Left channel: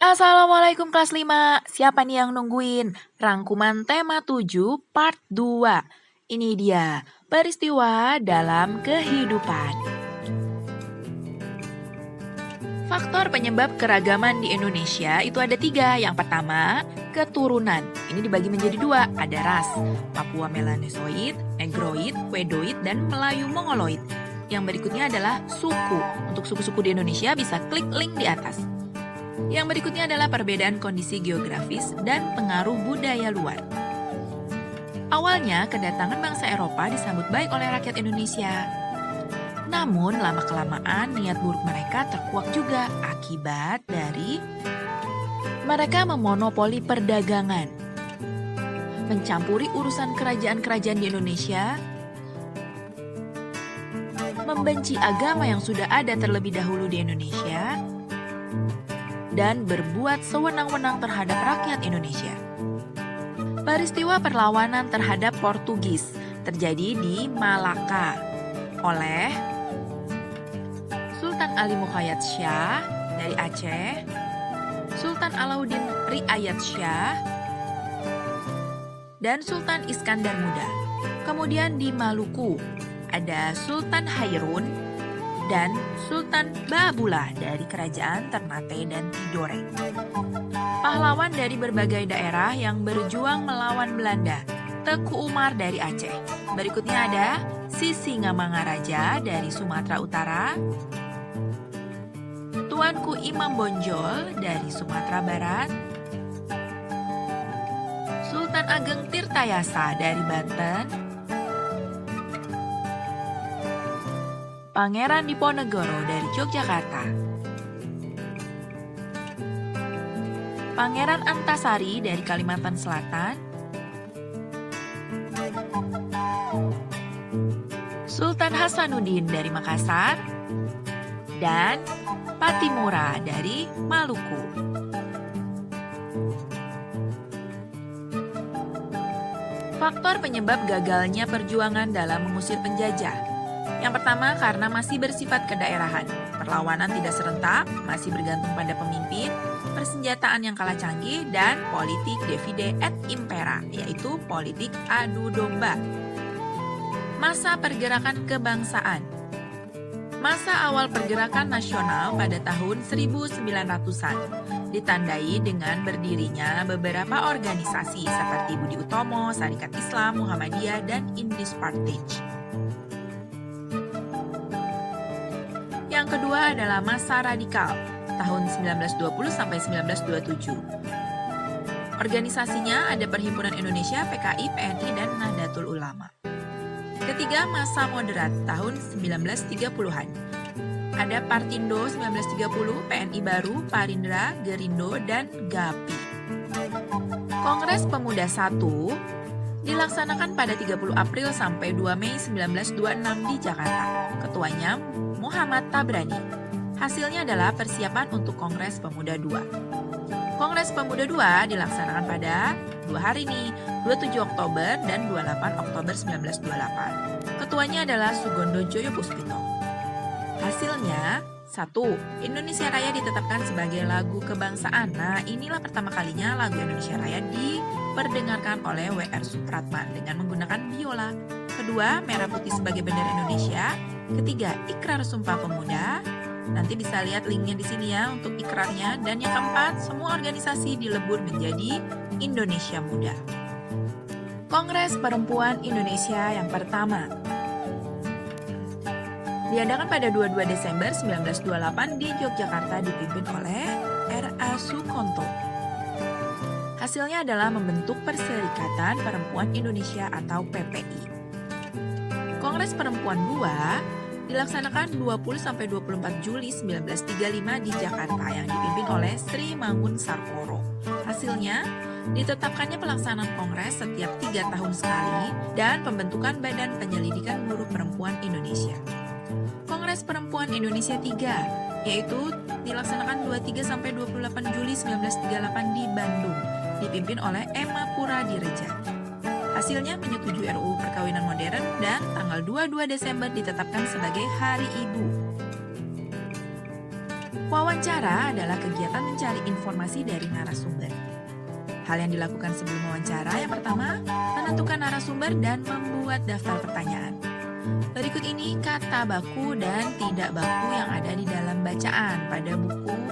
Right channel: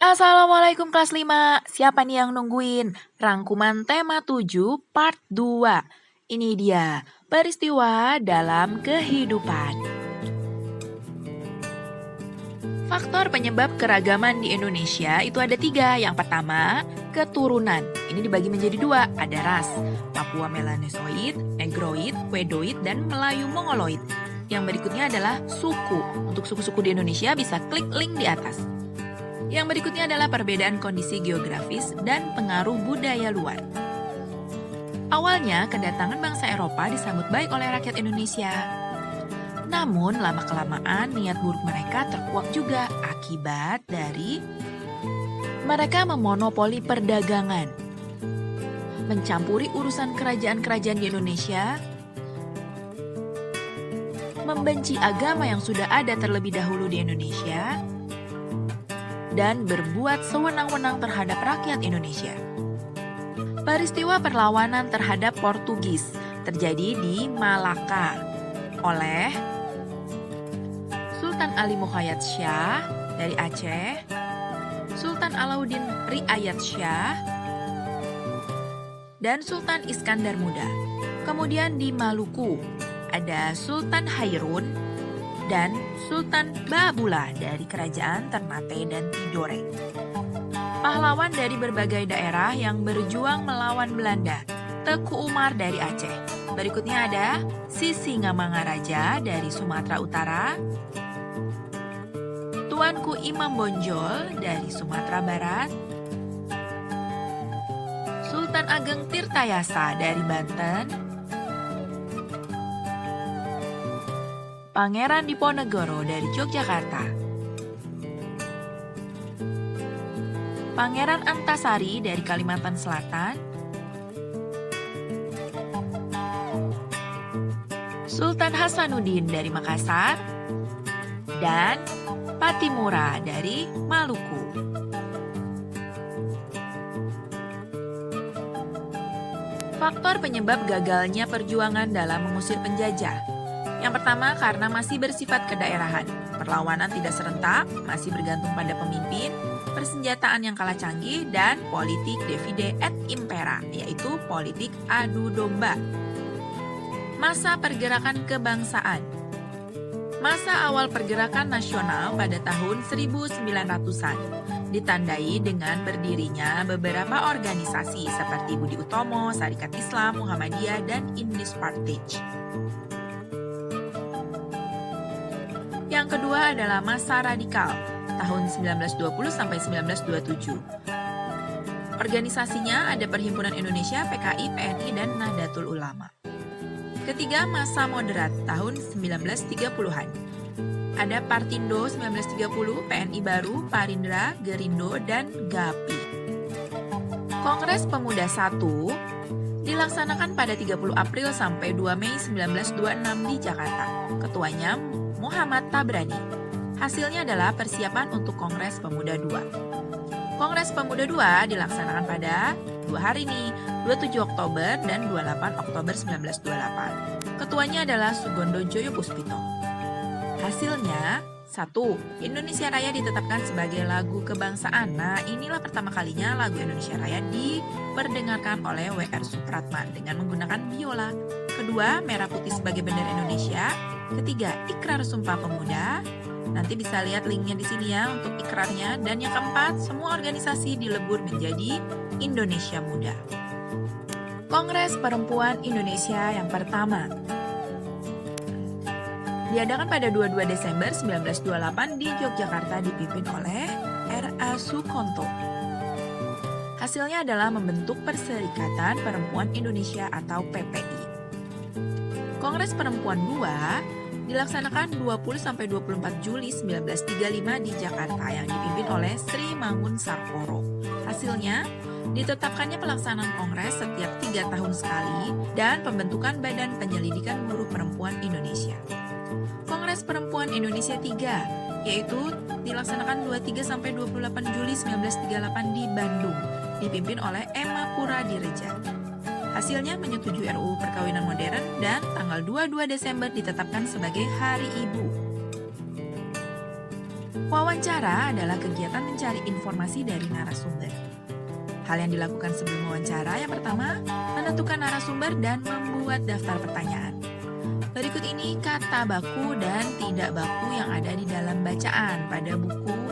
Assalamualaikum kelas 5. Siapa nih yang nungguin? Rangkuman tema 7 part 2. Ini dia, peristiwa dalam kehidupan. Faktor penyebab keragaman di Indonesia itu ada 3. Yang pertama, keturunan. Ini dibagi menjadi 2, ada ras. Papua Melanesoid, Negroid, Wedoid, dan Melayu Mongoloid. Yang berikutnya adalah suku. Untuk suku-suku di Indonesia bisa klik link di atas. Yang berikutnya adalah perbedaan kondisi geografis dan pengaruh budaya luar. Awalnya, kedatangan bangsa Eropa disambut baik oleh rakyat Indonesia. Namun, lama-kelamaan niat buruk mereka terkuak juga akibat dari mereka memonopoli perdagangan, mencampuri urusan kerajaan-kerajaan di Indonesia, membenci agama yang sudah ada terlebih dahulu di Indonesia, dan berbuat sewenang-wenang terhadap rakyat Indonesia. Peristiwa perlawanan terhadap Portugis terjadi di Malaka oleh Sultan Ali Muqayyad Shah dari Aceh, Sultan Alauddin Riayat Shah, dan Sultan Iskandar Muda. Kemudian di Maluku ada Sultan Hairun dan Sultan Baabullah dari kerajaan Ternate dan Tidore. Pahlawan dari berbagai daerah yang berjuang melawan Belanda. Teku Umar dari Aceh. Berikutnya ada Sisingamangaraja dari Sumatera Utara, Tuanku Imam Bonjol dari Sumatera Barat, Sultan Ageng Tirtayasa dari Banten, Pangeran Diponegoro dari Yogyakarta, Pangeran Antasari dari Kalimantan Selatan, Sultan Hasanuddin dari Makassar, dan Patimura dari Maluku. Faktor penyebab gagalnya perjuangan dalam mengusir penjajah. Yang pertama, karena masih bersifat kedaerahan. Perlawanan tidak serentak, masih bergantung pada pemimpin, persenjataan yang kalah canggih, dan politik divide et impera, yaitu politik adu domba. Masa pergerakan kebangsaan. Masa awal pergerakan nasional pada tahun 1900-an ditandai dengan berdirinya beberapa organisasi seperti Budi Utomo, Sarekat Islam, Muhammadiyah, dan Indis Partij. Yang kedua adalah masa radikal, tahun 1920 sampai 1927. Organisasinya ada Perhimpunan Indonesia, PKI, PNI, dan Nahdlatul Ulama. Ketiga, masa moderat, tahun 1930-an. Ada Partindo 1930, PNI Baru, Parindra, Gerindo, dan GAPI. Kongres Pemuda I dilaksanakan pada 30 April sampai 2 Mei 1926 di Jakarta. Ketuanya Muhammad Tabrani. Hasilnya adalah persiapan untuk Kongres Pemuda II. Kongres Pemuda II dilaksanakan pada 2 hari nih, 27 Oktober dan 28 Oktober 1928. Ketuanya adalah Sugondo Joyo Puspito. Hasilnya, 1. Indonesia Raya ditetapkan sebagai lagu kebangsaan. Nah, inilah pertama kalinya lagu Indonesia Raya diperdengarkan oleh W.R. Supratman dengan menggunakan biola. Kedua, merah putih sebagai bendera Indonesia. Ketiga, Ikrar Sumpah Pemuda. Nanti bisa lihat linknya di sini ya untuk ikrarnya. Dan yang keempat, semua organisasi dilebur menjadi Indonesia Muda. Kongres Perempuan Indonesia yang pertama diadakan pada 22 Desember 1928 di Yogyakarta dipimpin oleh R.A. Sukonto. Hasilnya adalah membentuk Perserikatan Perempuan Indonesia atau PPI. Kongres Perempuan II dilaksanakan 20-24 Juli 1935 di Jakarta yang dipimpin oleh Sri Mangun Sarkoro. Hasilnya, ditetapkannya pelaksanaan kongres setiap 3 tahun sekali dan pembentukan Badan Penyelidikan Buruh Perempuan Indonesia. Kongres Perempuan Indonesia III, yaitu dilaksanakan 23-28 Juli 1938 di Bandung, dipimpin oleh Emma Puradireja. Hasilnya menyetujui RUU Perkawinan Modern dan tanggal 22 Desember ditetapkan sebagai Hari Ibu. Wawancara adalah kegiatan mencari informasi dari narasumber. Hal yang dilakukan sebelum wawancara yang pertama, menentukan narasumber dan membuat daftar pertanyaan. Berikut ini kata baku dan tidak baku yang ada di dalam bacaan pada buku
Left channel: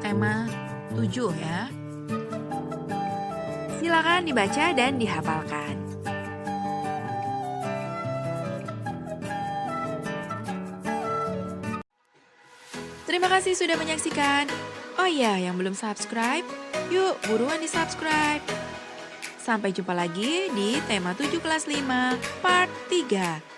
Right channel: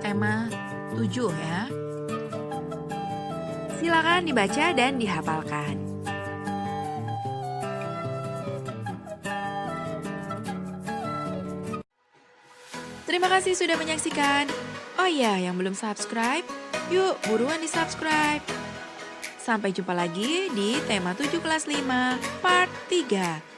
tema 7 ya. Silakan dibaca dan dihafalkan. Terima kasih sudah menyaksikan. Oh iya, yang belum subscribe, yuk buruan di-subscribe. Sampai jumpa lagi di tema 7 kelas 5 part 3.